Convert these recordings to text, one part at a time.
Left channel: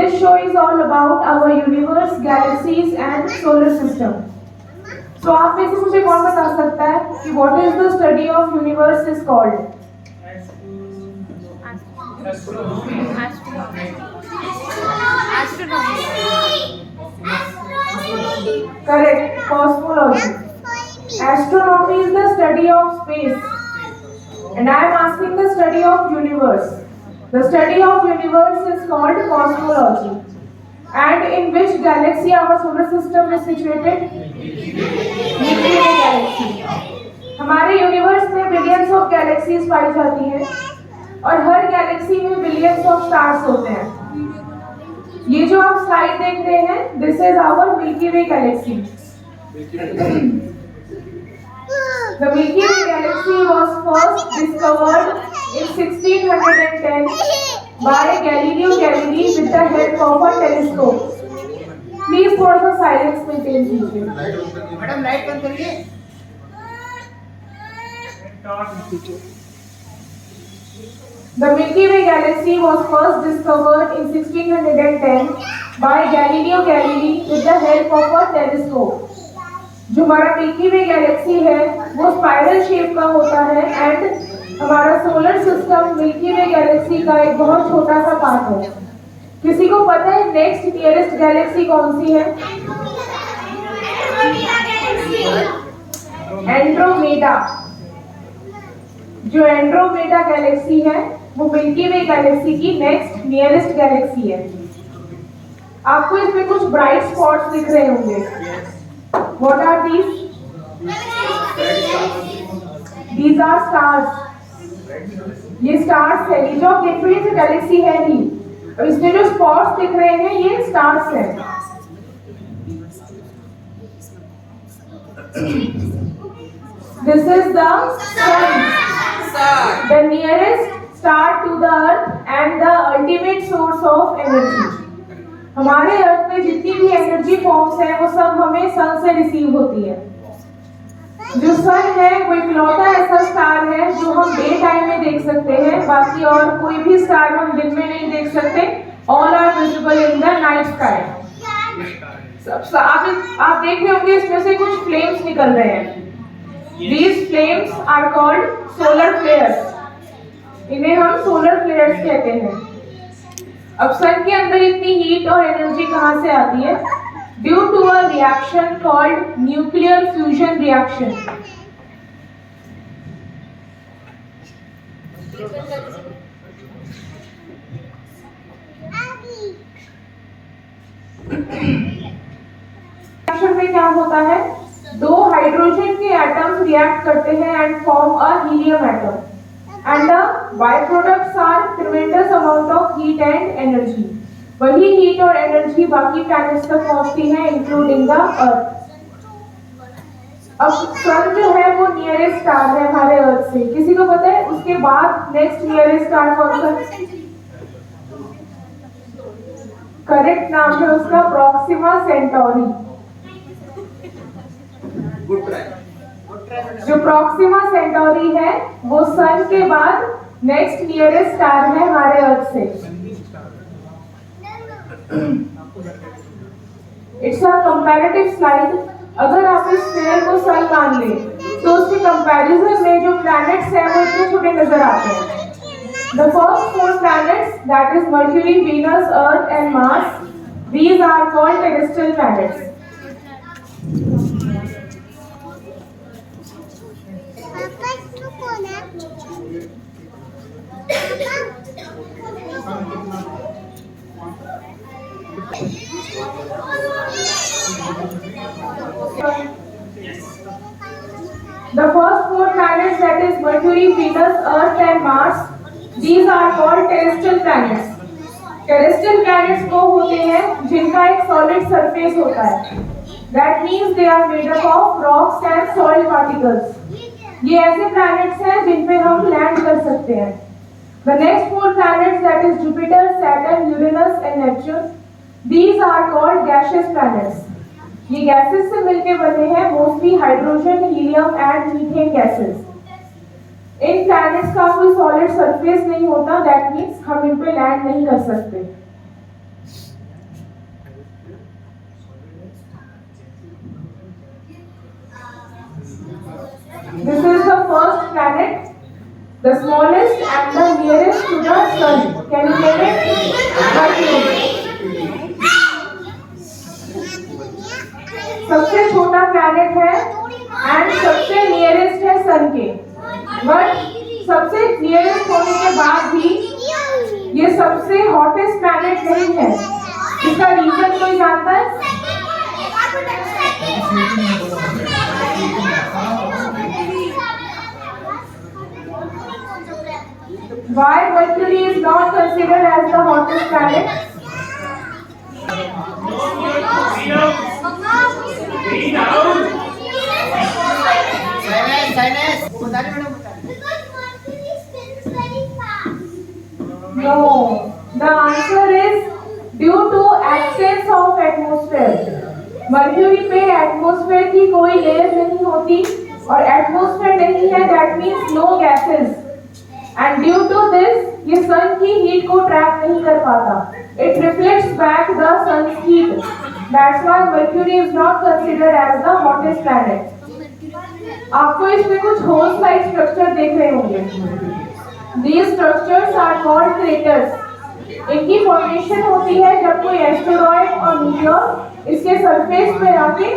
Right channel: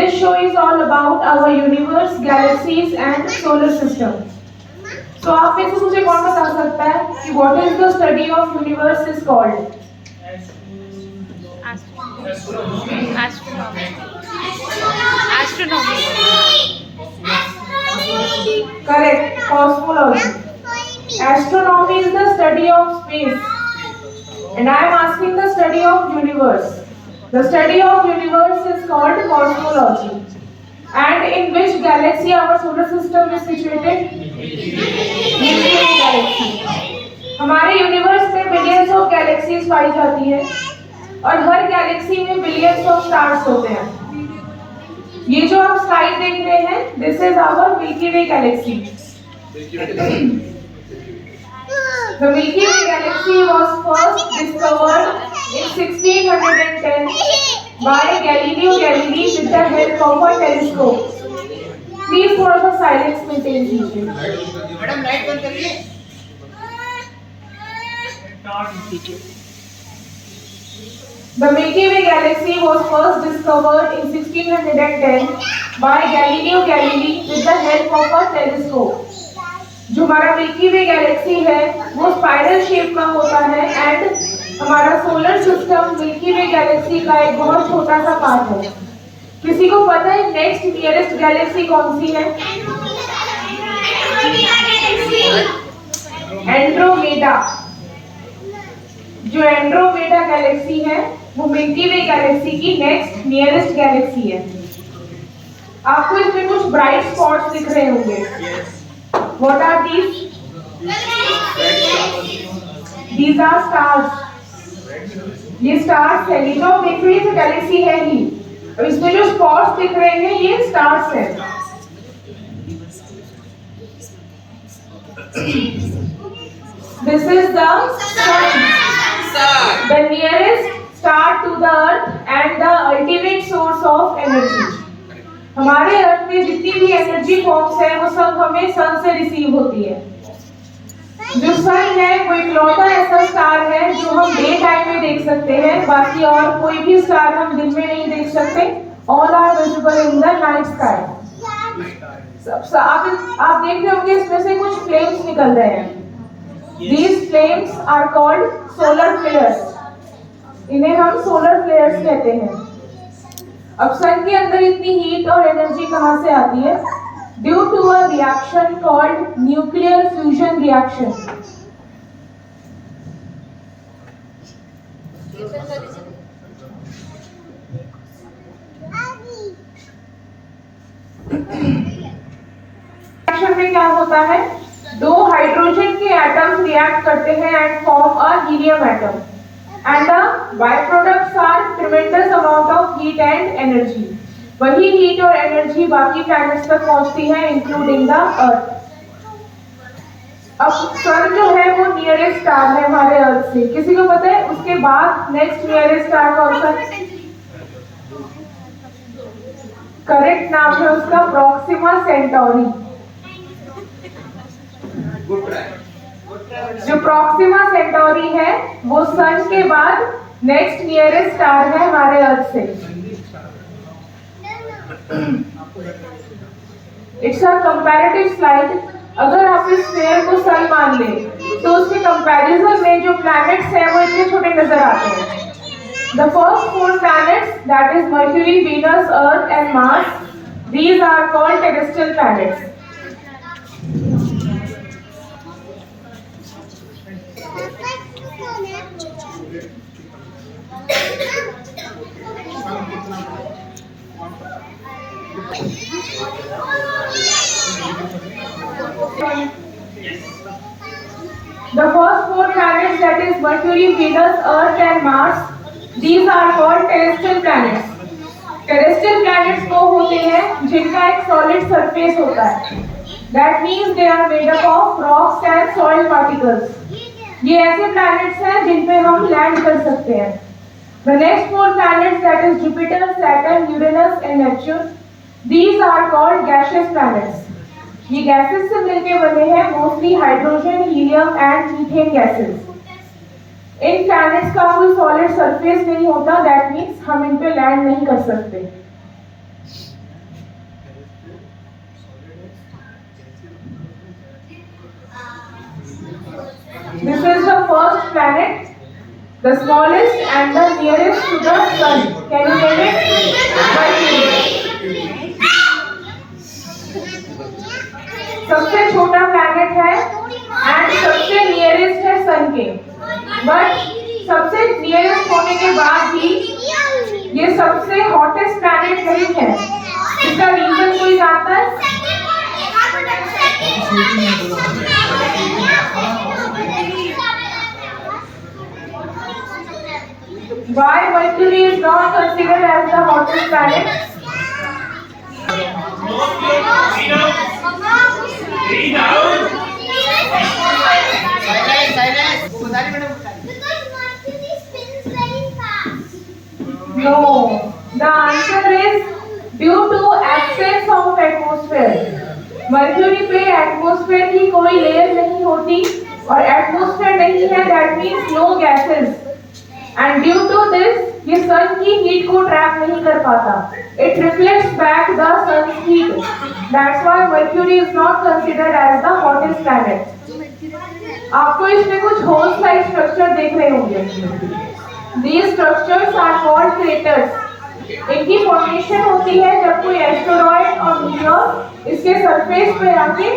this show is all about our universe, galaxies and solar system. So आप में से मुझे कौन बता सकता है कि what is the study of universe is called? Correct, cosmology. Astronomy is the study of space. And I am asking the study of universe. The study of universe is called cosmology. And in which galaxy our solar system is situated? Milky Way galaxy. हमारे universe में billions of galaxies पाई जाती हैं और हर galaxy में billions of stars होते हैं। ये जो आप स्लाइड देख रहे हैं, this is our Milky Way galaxy. The Milky Way galaxy was first discovered in 1610 by Galileo Galilei with the help of a telescope. Please थोड़ा सा साइलेंस मेंटेन कीजिए। मैडम लाइट बंद करिए। The Milky Way galaxy was first discovered in 1610 by Galileo Galilei with the help of a telescope. जो हमारा milky Way Galaxy है वो spiral shape का होता है एंड हमारा solar system milky Way Galaxy का एक बहुत छोटा सा पार्ट है। किसी को पता है नेक्स्ट नियरेस्ट गैलेक्सी कौन सी है? एंड्रोमेडा। जो एंड्रोमेडा गैलेक्सी है वो मिल्की वे गैलेक्सी की नेक्स्ट नियरेस्ट गैलेक्सी है। आपको इसमें कुछ ब्राइट स्पॉट्स दिख रहे होंगे। What are these? These are stars. ये stars है। ये जो आप देख रहे हैं गैलेक्सी है ही। अब इसमें जो स्पॉट्स दिख रहे हैं ये stars हैं। This is the sun, the nearest star to the earth and the ultimate source of energy. हमारे अर्थ में जितनी भी एनर्जी फॉर्म्स है वो सब हमें सन से रिसीव होती है। जो सन है वो इकलौता ऐसा स्टार है जो हम डे टाइम में देख सकते हैं, बाकी और कोई भी स्टार हम दिन में नहीं देख सकते। All are visible in the night sky. आप देख रहे होंगे इसमें से कुछ फ्लेम्स निकल रहे हैं। These flames are called solar flares. इन्हें हम सोलर फ्लेयर्स कहते हैं। अब सन के अंदर इतनी हीट और एनर्जी कहाँ से आती है? Due to a reaction called nuclear fusion reaction. Reaction में क्या होता है? दो हाइड्रोजन के एटम्स रिएक्ट करते हैं and form a helium atom and the byproducts are tremendous amount of heat and energy. वही हीट और एनर्जी बाकी प्लैनेट्स तक पहुंचती है इंक्लूडिंग द अर्थ। अब सन जो है वो नियरेस्ट स्टार है हमारे अर्थ से। किसी को पता है उसके बाद नेक्स्ट नियरेस्ट स्टार कौन सा? करेक्ट नाम है उसका प्रोक्सिमा सेंटोरी। जो प्रोक्सिमा सेंटोरी है वो सन के बाद नेक्स्ट नियरेस्ट स्टार है हमारे अर्थ से। It's a comparative slide. अगर आप इस स्फीयर को सन मान लें तो उसके कंपैरिजन में जो प्लैनेट्स हैं वो इतने छोटे नजर आते हैं। The first 4 planets, that is Mercury, Venus, Earth and Mars, these are called terrestrial planets. The first 4 planets, that is Mercury, Venus, Earth and Mars, these are called terrestrial planets. Terrestrial planets वो होते हैं जिनका एक solid surface होता है। That means they are made up of rocks and soil particles. ये ऐसे planets हैं जिन पे हम land कर सकते हैं। The next 4 planets, that is Jupiter, Saturn, Uranus and Neptune, these are called gaseous planets. ये गैसेस से मिलके बने हैं, mostly hydrogen, helium and methane gases. In planets का कोई सॉलिड सरफेस नहीं होता, दैट मीन्स हम इन पे लैंड नहीं कर सकते। The smallest and the nearest to the sun. Can you name it? Mercury. सबसे छोटा प्लैनेट है एंड सबसे नियरेस्ट है सन के, बट सबसे नियरेस्ट होने के बाद भी ये सबसे हॉटेस्ट प्लैनेट नहीं है। इसका रीजन कोई जानता है? Why Mercury is not considered as the hottest planet? No, the answer is due to absence of atmosphere. Mercury पे एटमॉस्फेयर की कोई लेयर नहीं होती और एटमॉस्फेयर नहीं है, that means no gases, and due to this ये सन की हीट को ट्रैप नहीं कर पाता। It reflects back the sun's heat, that's why Mercury is not considered as the hottest planet. आपको इसमें कुछ होल्स लाइक स्ट्रक्चर देख रहे होंगे। These structures are called craters. इनकी फॉर्मेशन होती है जब कोई एस्टेरॉइड और मीटियोर इसके सरफेस पे आके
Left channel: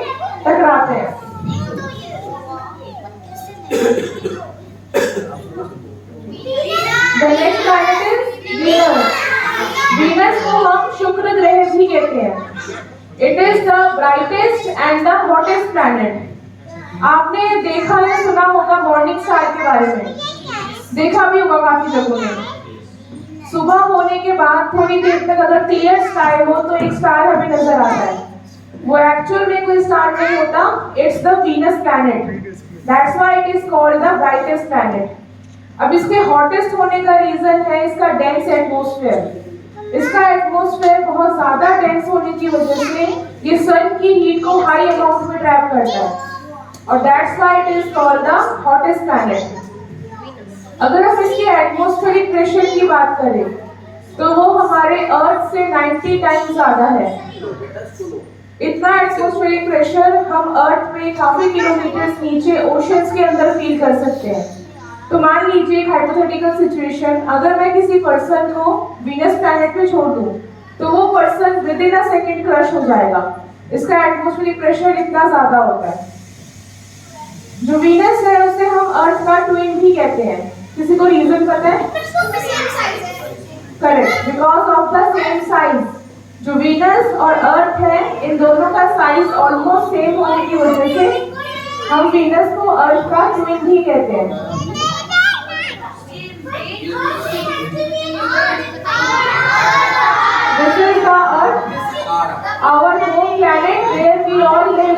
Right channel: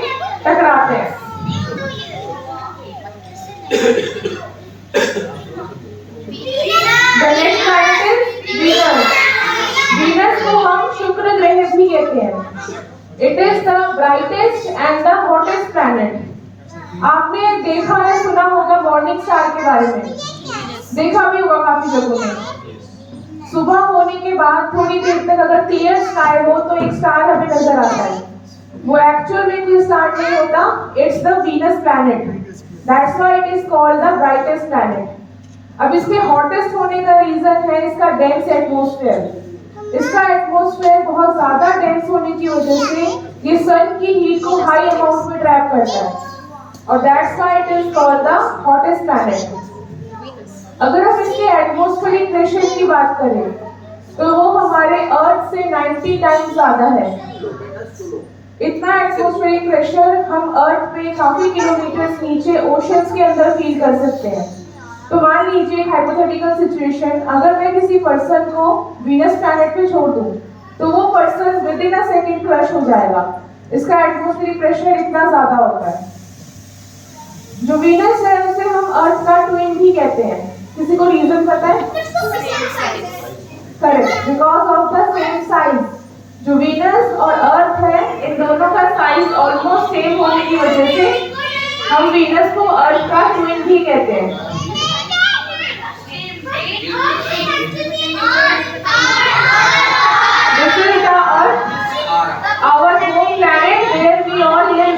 टकराते हैं। The next planet is Venus. Venus को हम शुक्र ग्रह भी कहते हैं। It is the brightest and the hottest planet. आपने देखा है, सुना होगा मॉर्निंग स्टार के बारे में, देखा भी होगा काफी जगहों में। सुबह होने के बाद थोड़ी देर तक अगर क्लियर स्काई हो तो एक स्टार हमें नजर आता है। वो एक्चुअल में कोई स्टार नहीं होता, it's the Venus planet, that's why it is called the brightest planet. अब इसके हॉटेस्ट होने का रीजन है इसका डेंस एटमॉस्फेयर। इसका एटमॉस्फेयर बहुत ज्यादा डेंस होने की वजह से ये सन की हीट को हाई अमाउंट में ट्रैप करता है और that's why it is called the hottest planet. अगर हम इसके एटमॉस्फेरिक प्रेशर की बात करें तो वो हमारे अर्थ से 90 टाइम्स ज्यादा है। इतना एटमॉस्फेरिक प्रेशर हम अर्थ पे काफी किलोमीटर्स नीचे ओशंस के अंदर फील कर सकते हैं। तो मान लीजिए एक हाइपोथेटिकल सिचुएशन, अगर मैं किसी पर्सन को वीनस प्लैनेट पे छोड़ दूं तो वो person with in a second crush हो जाएगा। इसका एटमॉस्फेरिक प्रेशर इतना ज्यादा होता है। जो वीनस है उसे हम अर्थ का ट्विन भी कहते हैं। किसी को रीजन पता है? Correct, because of the same size. जो वीनस और अर्थ है इन दोनों का साइज ऑलमोस्ट सेम होने की वजह से हम वीनस को अर्थ का ट्विन भी कहते हैं। This is the Earth, our home planet where we all live.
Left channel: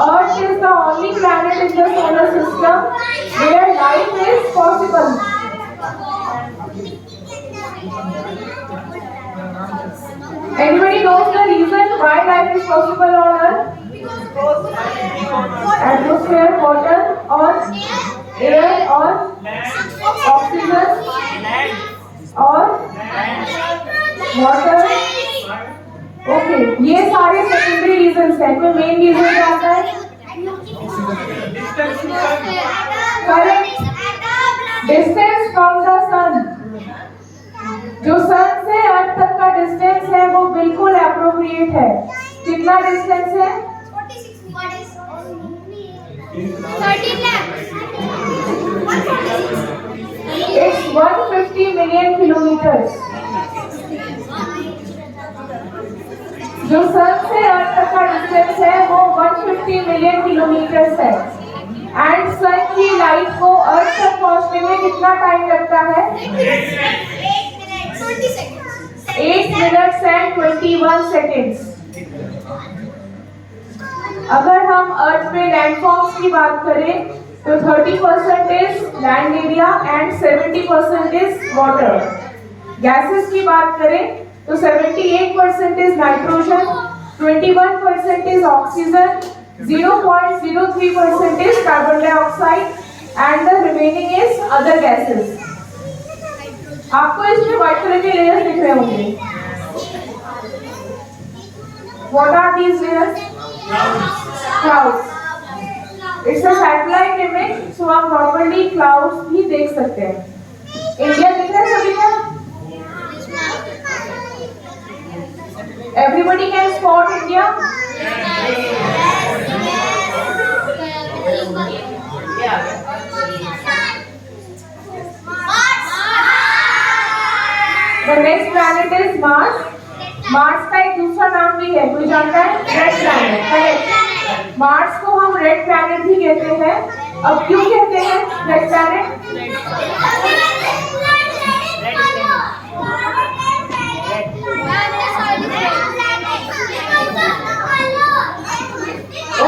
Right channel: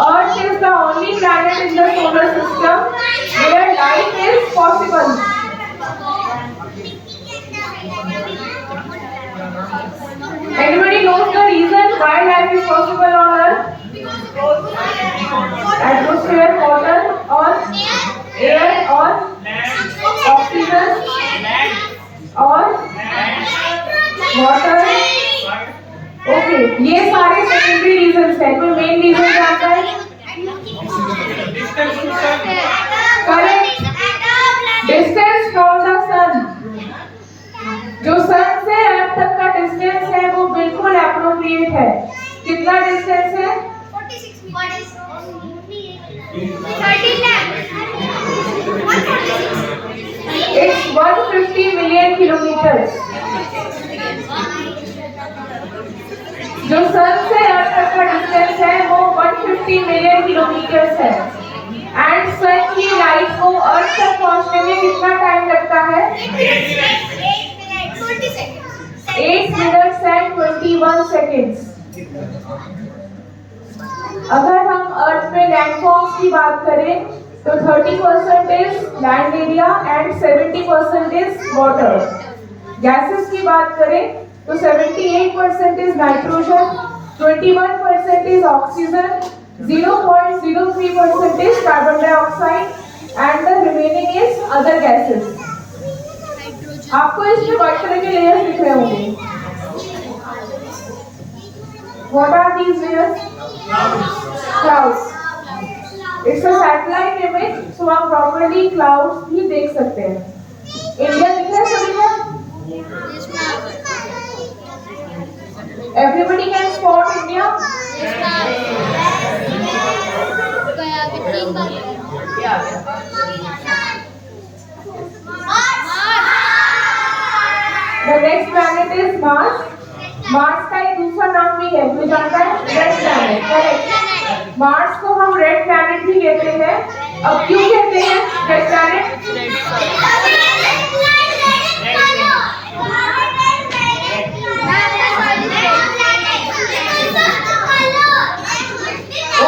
Earth is the only planet in the solar system where life is possible. Anybody knows the reason why life is possible on Earth? Atmosphere, water, or air, or oxygen, or water. Okay, ये सारे secondary reasons हैं। कोई main reason क्या आता है? Correct, distance from the सन। जो सन से अर्थ तक का डिस्टेंस है वो बिल्कुल एप्रोप्रिएट है। कितना डिस्टेंस है? 150 मिलियन किलोमीटर। जो सन से अर्थ तक का डिस्टेंस है वो 150 मिलियन किलोमीटर्स है एंड सन की लाइट को अर्थ तक पहुंचने में कितना टाइम लगता है? 8 मिनट्स एंड 21 सेकेंड्स। अगर हम अर्थ में लैंडफॉर्म्स की बात करें तो 30% is land area and 70% is water. Gases की बात करें तो 78% is nitrogen, 21% is oxygen, 0.03% is carbon dioxide, and the remaining is other gases. आपको इसमें व्हाइट कलर के लेयर्स दिख रहे होंगे। What are these layers? Clouds. It's a satellite image, so आप प्रॉपर्ली क्लाउड्स भी देख सकते हैं। इंडिया दिख रहा है सभी को? Everybody can spot India? The next planet is Mars. Mars का एक दूसरा नाम भी है, कोई जानता है? Red planet, correct. मार्स को हम रेड प्लैनेट भी कहते हैं। अब क्यों कहते हैं red planet?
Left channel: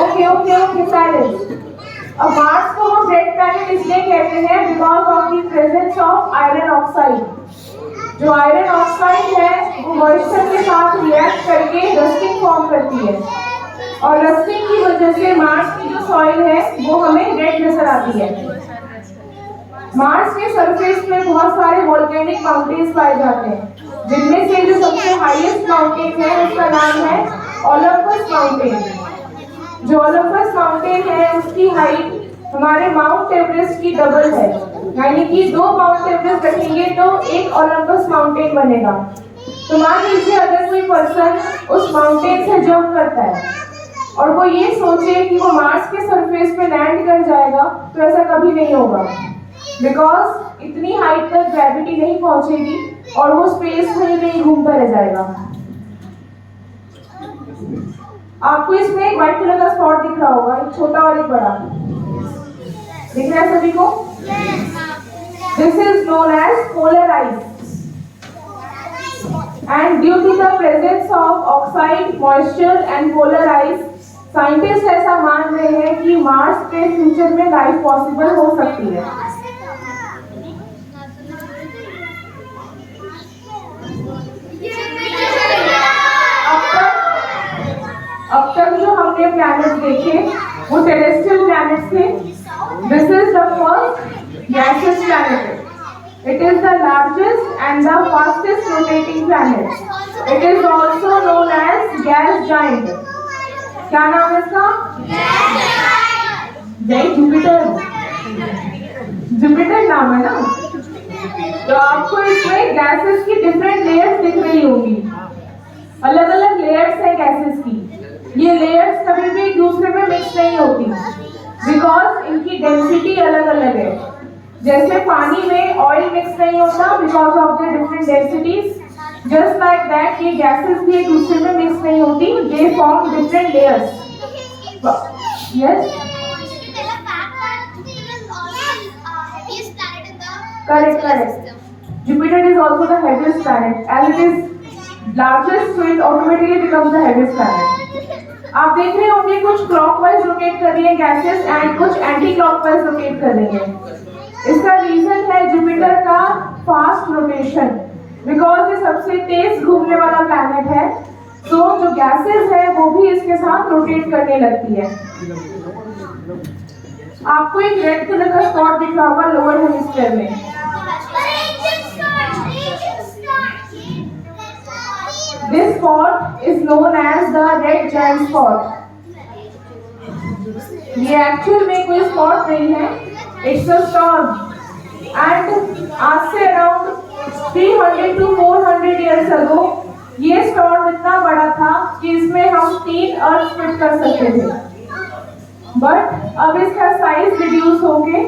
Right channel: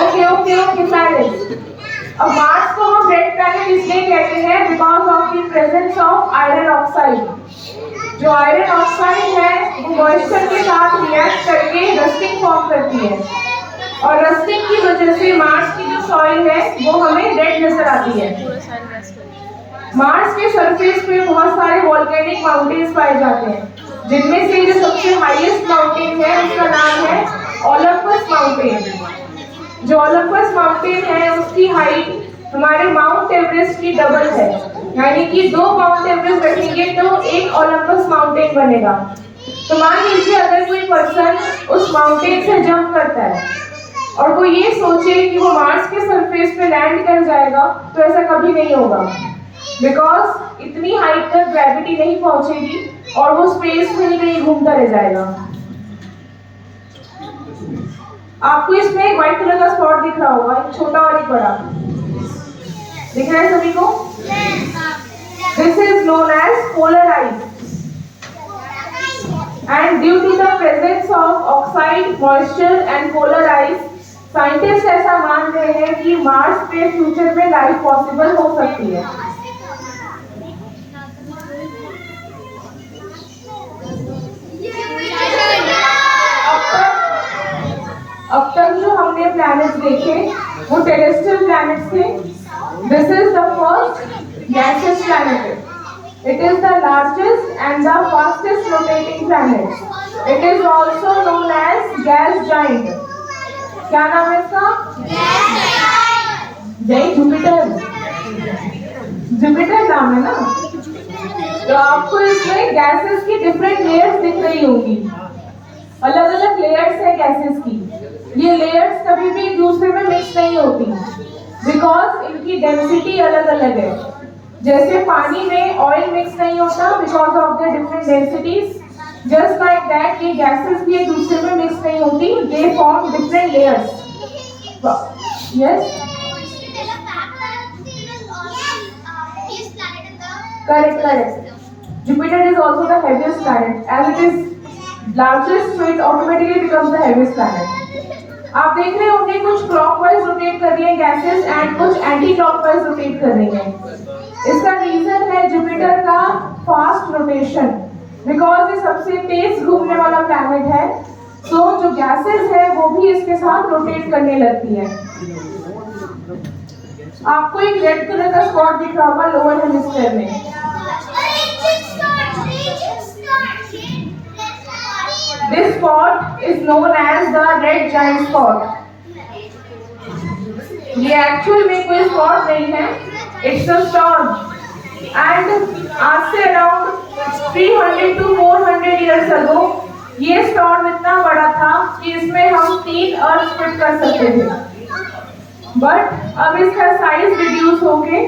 Okay okay okay silence. अब मार्स को हम रेड प्लैनेट इसलिए कहते हैं because of the presence of iron oxide. जो आयरन ऑक्साइड है वो मॉइस्चर के साथ रिएक्ट करके रस्टिंग फॉर्म करती है, और रस्टिंग की वजह से मार्स की जो सॉइल है वो हमें रेड नजर आती है। मार्स के सरफेस पे बहुत सारे वोल्केनिक माउंटेन्स पाए जाते हैं, जिनमें से जो सबसे हाईएस्ट माउंटेन है उसका नाम है ओलंपस माउंटेन। जो ओलंपस माउंटेन है उसकी हाइट हमारे माउंट एवरेस्ट की डबल है, यानी कि 2 माउंट एवरेस्ट रखेंगे तो एक ओलंपस माउंटेन बनेगा। तो मान लीजिए अगर कोई पर्सन उस माउंटेन से जंप करता है और वो ये सोचे कि वो मार्स के सरफेस पे लैंड कर जाएगा, तो ऐसा कभी नहीं होगा, बिकॉज इतनी हाइट तक ग्रेविटी नहीं पहुंचेगी और वो स्पेस में ही नहीं घूमता रह जाएगा। आपको इसमें एक व्हाइट कलर का स्पॉट दिख रहा होगा, एक छोटा और एक बड़ा दिख रहा है सभी को? This is known as polar ice, and due to the presence of oxide, moisture and polar ice, scientist ऐसा मान रहे हैं कि मार्स पे फ्यूचर में लाइफ पॉसिबल हो सकती है। अब तक जो हमने प्लैनेट देखे वो टेरेस्ट्रियल प्लैनेट थे। This is the first gaseous planet. It is the largest and the fastest rotating planet. It is also known as gas giant. क्या नाम है इसका? जुपिटर। जुपिटर नाम है ना? तो आपको इसमें गैसेस की डिफरेंट लेयर्स दिख रही होंगी। अलग अलग लेयर्स हैं गैसेस की। ये लेयर्स कभी भी एक दूसरे में मिक्स नहीं होती, बिकॉज इनकी डेंसिटी अलग अलग है। जैसे पानी में ऑयल मिक्स नहीं होता because of the different densities, just like that ये गैसेस भी एक दूसरे में मिक्स नहीं होती, they form different layers. Yes, correct correct. Jupiter is also the heaviest planet. As it is largest, so it automatically becomes the heaviest planet. आप देख रहे होंगे कुछ क्लॉकवाइज रोटेट कर रही है गैसेस एंड कुछ एंटी क्लॉकवाइज रोटेट कर रही है। इसका रीजन है जुपिटर का फास्ट रोटेशन, बिकॉज ये सबसे तेज घूमने वाला प्लैनेट है, तो जो गैसेस है वो भी इसके साथ रोटेट करने लगती है। आपको एक रेड कलर का स्पॉट दिख रहा होगा लोअर हेमिस्फीयर में। This spot is known as the red giant spot. ये एक्चुअल में कोई स्पॉट नहीं है, इट्स अ स्टॉर्म, एंड आज से अराउंड 300 to 400 years ago ये स्टॉर्म इतना बड़ा था कि इसमें हम 3 अर्थ फिट कर सकते थे, बट अब इसका साइज रिड्यूस होके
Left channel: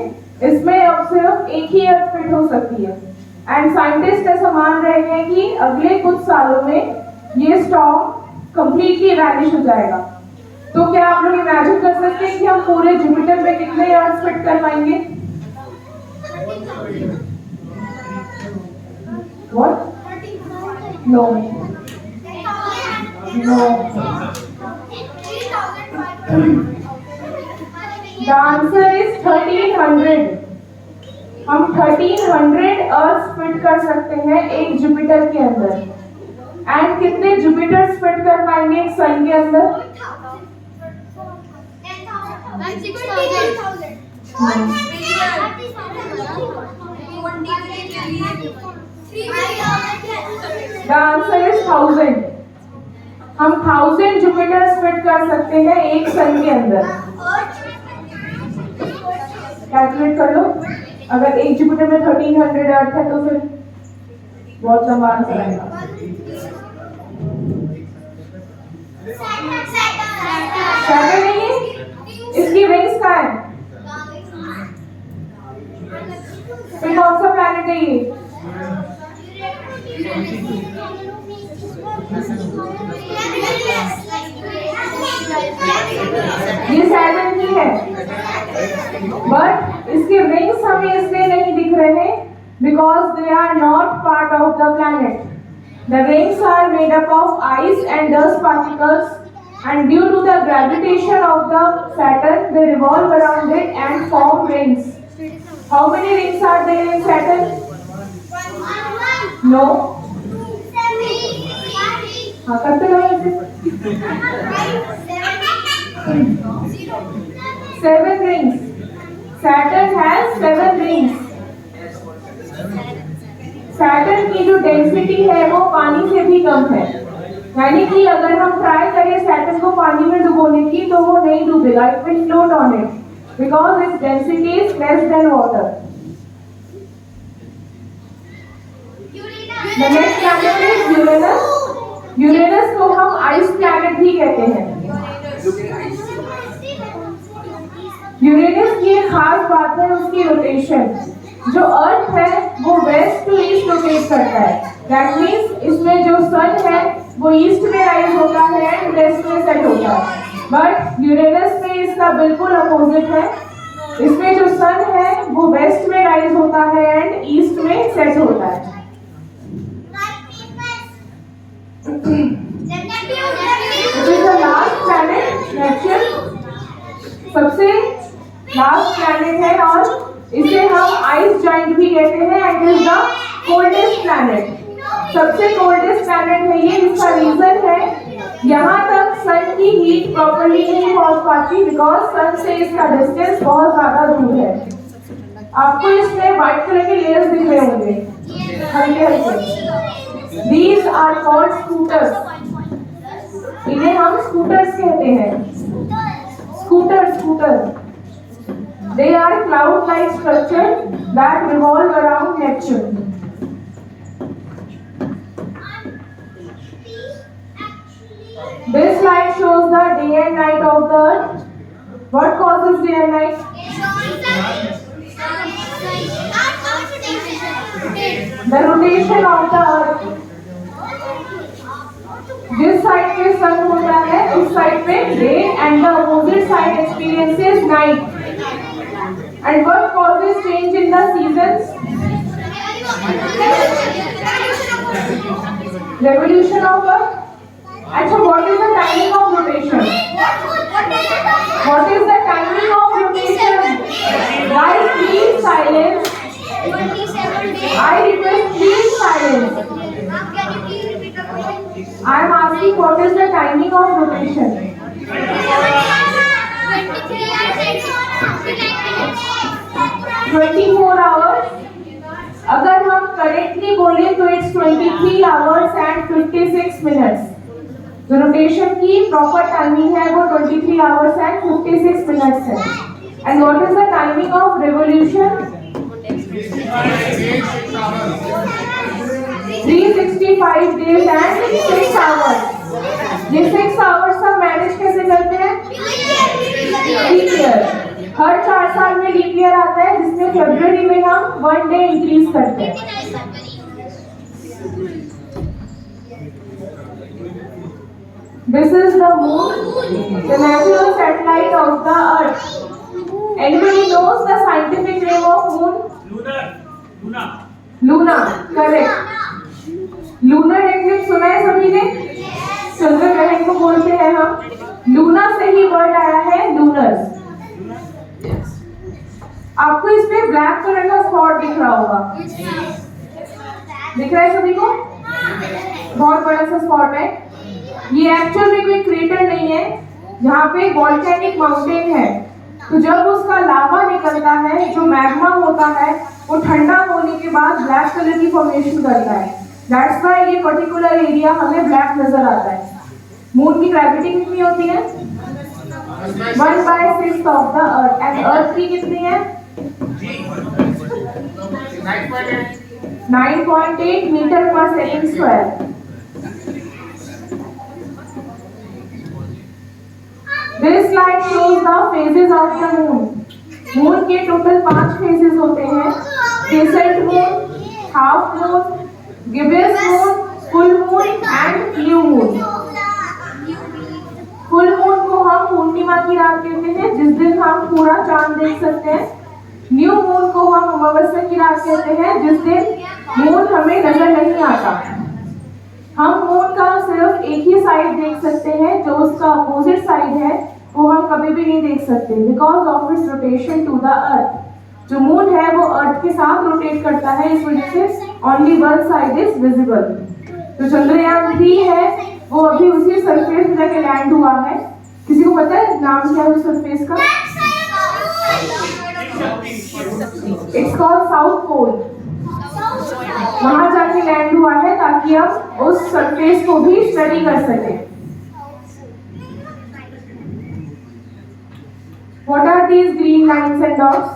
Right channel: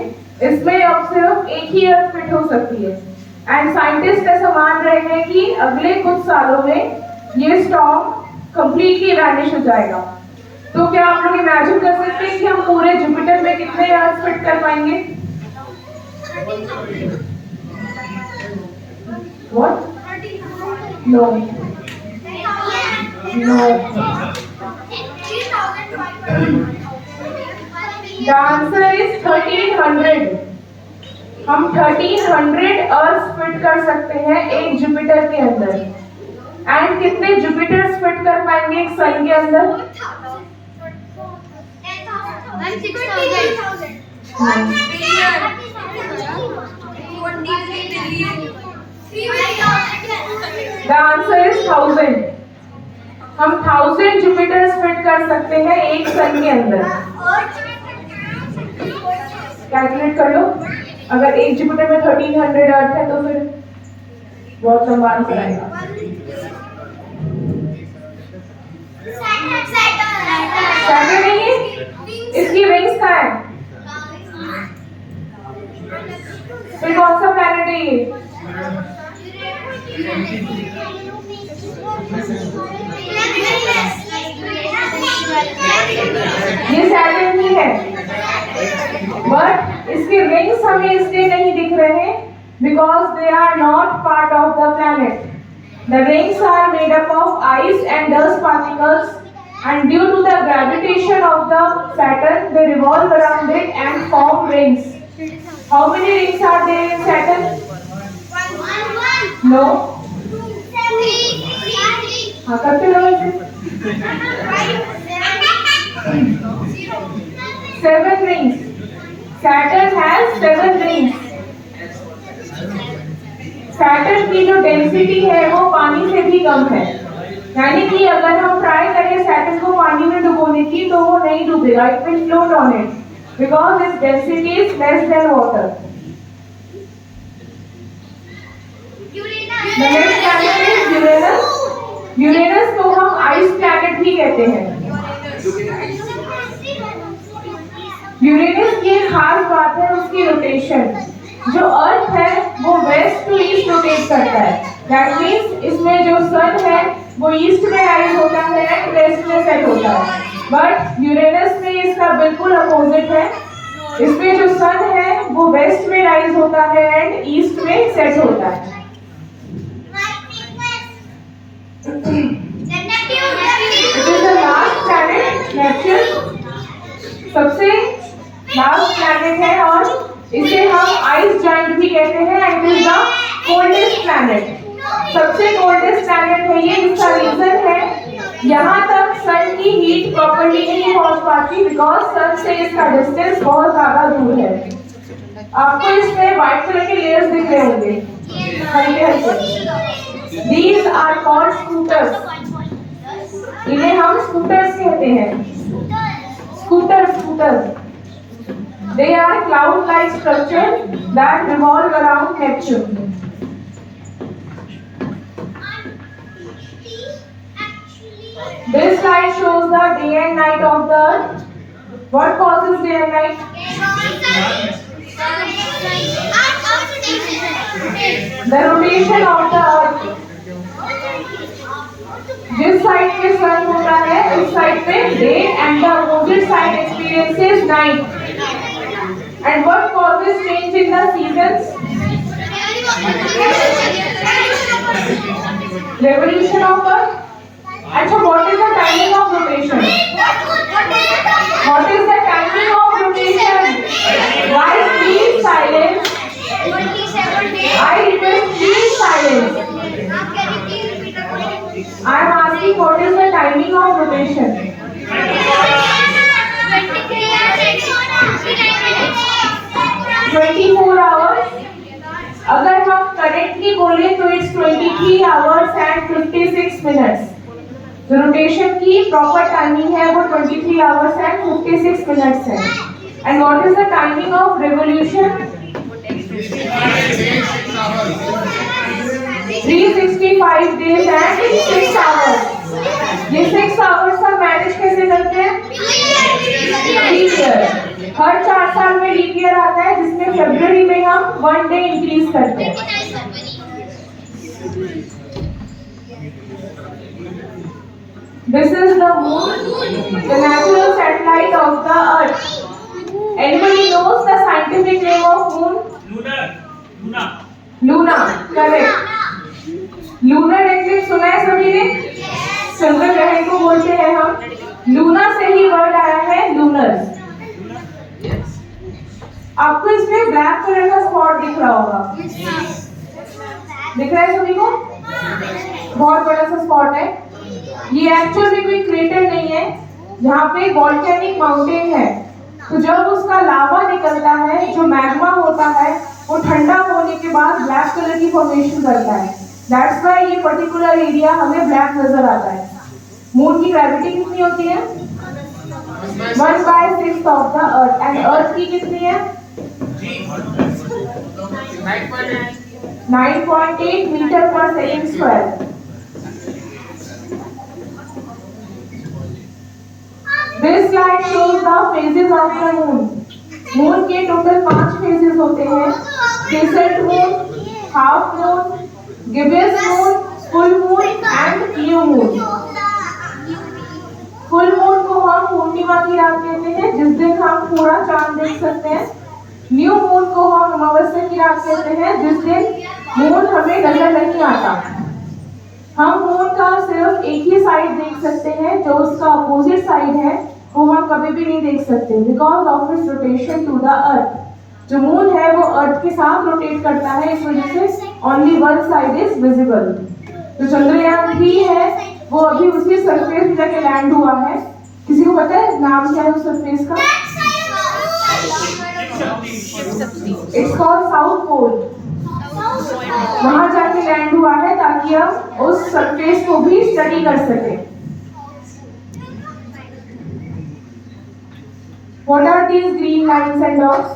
इसमें अब सिर्फ एक ही अर्थ फिट हो सकती है। एंड साइंटिस्ट ऐसा मान रहे हैं कि अगले कुछ सालों में ये स्टॉर्म कंप्लीटली वैनिश हो जाएगा। तो क्या आप लोग इमेजिन कर सकते हैं कि हम पूरे जुपिटर में कितने अर्थ फिट कर पाएंगे? What? No. No. The answer is 1300. हम 1300 अर्थ फिट कर सकते हैं एक जुपिटर के अंदर। एंड कितने जुपिटर्स फिट कर पाएंगे एक सन के अंदर? 1000. The answer is 1000. हम 1000 जुपिटर्स फिट कर सकते हैं एक सन के अंदर। कैलकुलेट कर लो। अगर एक जुपिटर में 1300 अर्थ है तो फिर बहुत लंबा आंसर आएगा। सैटर्न नहीं है, इसकी रिंग्स कहाँ है? फिर कौन सा प्लैनेट है ये? ये सैटर्न ही है, बट इसके रिंग्स हमें इसलिए नहीं दिख रहे because they are not part of the planet. The rings are made up of ice and dust particles and due to the gravitation of the Saturn they revolve around it and form rings. How many rings are there in Saturn? No. हाँ करते लो ऐसे। 7 rings. Saturn has 7 rings. Saturn की जो density है वो पानी से भी कम है, यानी कि अगर हम ट्राई करें सैटर्न को पानी में डुबोने की तो वो नहीं डूबेगा, it will float on it because its density is less than water. The next planet is Uranus. Uranus को हम आइस प्लैनेट भी कहते हैं। यूरेनस की एक खास बात है उसकी रोटेशन। जो अर्थ है वो वेस्ट टू ईस्ट रोटेट करता है, दैट मींस इसमें जो सन है वो ईस्ट में राइज होता है एंड वेस्ट में सेट होता है, बट यूरेनस में इसका बिल्कुल अपोजिट है। इसमें जो सन है वो वेस्ट में राइज होता है एंड ईस्ट में सेट होता है। It is the last planet, Neptune सबसे लास्ट प्लैनेट है और इसे हम आइस जाइंट भी कहते हैं and is the coldest planet. सबसे कोल्डेस्ट प्लैनेट है ये, इसका रीजन है यहाँ तक सन की हीट प्रॉपर्ली नहीं पहुंच पाती बिकॉज सन से इसका डिस्टेंस बहुत ज्यादा दूर है। आपको इसमें व्हाइट कलर के लेयर्स दिख रहे होंगे, हल्के हल्के। दीज आर कॉल्ड स्कूटर्स, इन्हें हम स्कूटर्स कहते हैं। Scooter they are cloud like structure that revolve around Neptune. This slide shows the day and night of the Earth. What causes day and night? The rotation of the Earth. जिस side पे सन होता है उस side पे day and the opposite side experiences night. And what causes change in the seasons? Revolution of Earth. अच्छा, what is the timing of rotation? What is the timing of rotation? Guys, please silence. I request please silence. I am asking what is the timing of rotation? 24 hours. अगर हम correctly बोले तो it's 23 hours and 56 minutes. जो rotation की proper timing है वो 23 hours and 56 minutes है। And what is the timing of revolution? 365 days and 6 hours. ये 6 hours का मैनेज कैसे करते हैं? Leap year. हर 4 साल में लीप ईयर आता है जिसमें फरवरी में हम 1 डे इंक्रीज करते हैं। This is the moon, the natural satellite of the earth. Anybody knows the scientific name of moon? Luna, correct. Lunar eclipse सुना है सभी ने? चंद्र ग्रहण को बोलते हैं हम। लूना से ही वर्ड आया है लूनर्स। आपको इसमें ब्लैक कलर का स्पॉट दिख रहा होगा, दिख रहा है सभी को? बहुत बड़ा सा स्पॉट है। ये एक्चुअल में कोई क्रेटर नहीं है, जहाँ पे वॉल्केनिक माउंटेन है। तो जब उसका लावा निकलता है, जो मैग्मा होता है, वो ठंडा होने के बाद ब्लैक कलर की फॉर्मेशन करता है। दैट्स व्हाई ये पर्टिकुलर एरिया हमें ब्लैक नजर आता है। मून की ग्रेविटी कितनी होती है? 1/6 of the earth. And earth की कितनी है? 9.8 मीटर पर second square. This slide shows the phases of the moon. Moon के टोटल 5 फेजेस होते हैं, crescent moon, half moon, gibbous moon, full moon and new moon. Full moon को हम पूर्णिमा की रात कहते हैं, जिस दिन हम पूरा चांद देख सकते हैं। न्यू मून को हम अमावस्या की रात कहते हैं, जिस दिन मून हमें नजर नहीं आता। हम मून का सिर्फ एक ही साइड देख सकते हैं, जो उसका अपोजिट साइड है वो हम कभी भी नहीं देख सकते, because of its rotation to the Earth. जो मून है वो अर्थ के साथ रोटेट करता है, इस वजह से only one side is visible. जो चंद्रयान 3 है वो अभी उसी सरफेस पे जाके लैंड हुआ है। किसी को पता है नाम क्या है उस सरफेस का? It's called south pole. वहां जाके लैंड हुआ है ताकि हम उस सरफेस को भी स्टडी कर सके। What are these green lines and dots?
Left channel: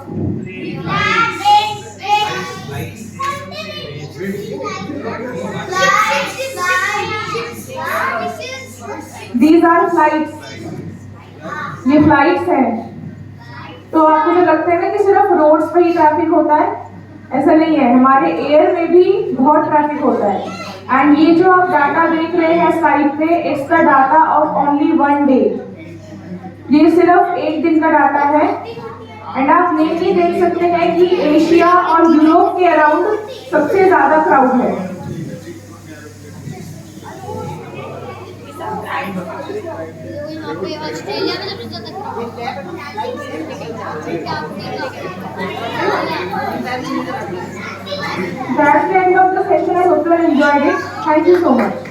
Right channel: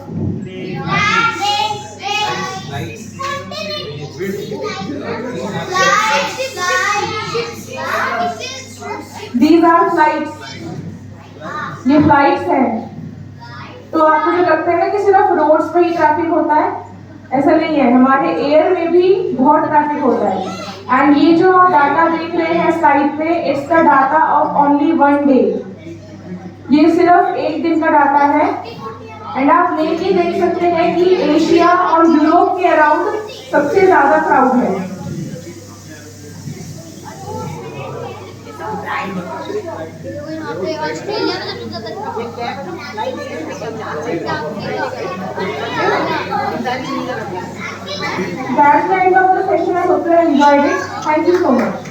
These are flights. ये फ्लाइट्स हैं। तो आपको जो लगता है ना कि सिर्फ रोड्स पे ही ट्रैफिक होता है, ऐसा नहीं है, हमारे एयर में भी बहुत ट्रैफिक होता है। एंड ये जो आप डाटा देख रहे हैं स्लाइड पे, it's the data of only 1 day. ये सिर्फ एक दिन का डाटा है। एंड आप मेनली देख सकते हैं कि एशिया और यूरोप के अराउंड सबसे ज्यादा क्राउड है। That's the end of the session. I hope you enjoyed it. Thank you so much.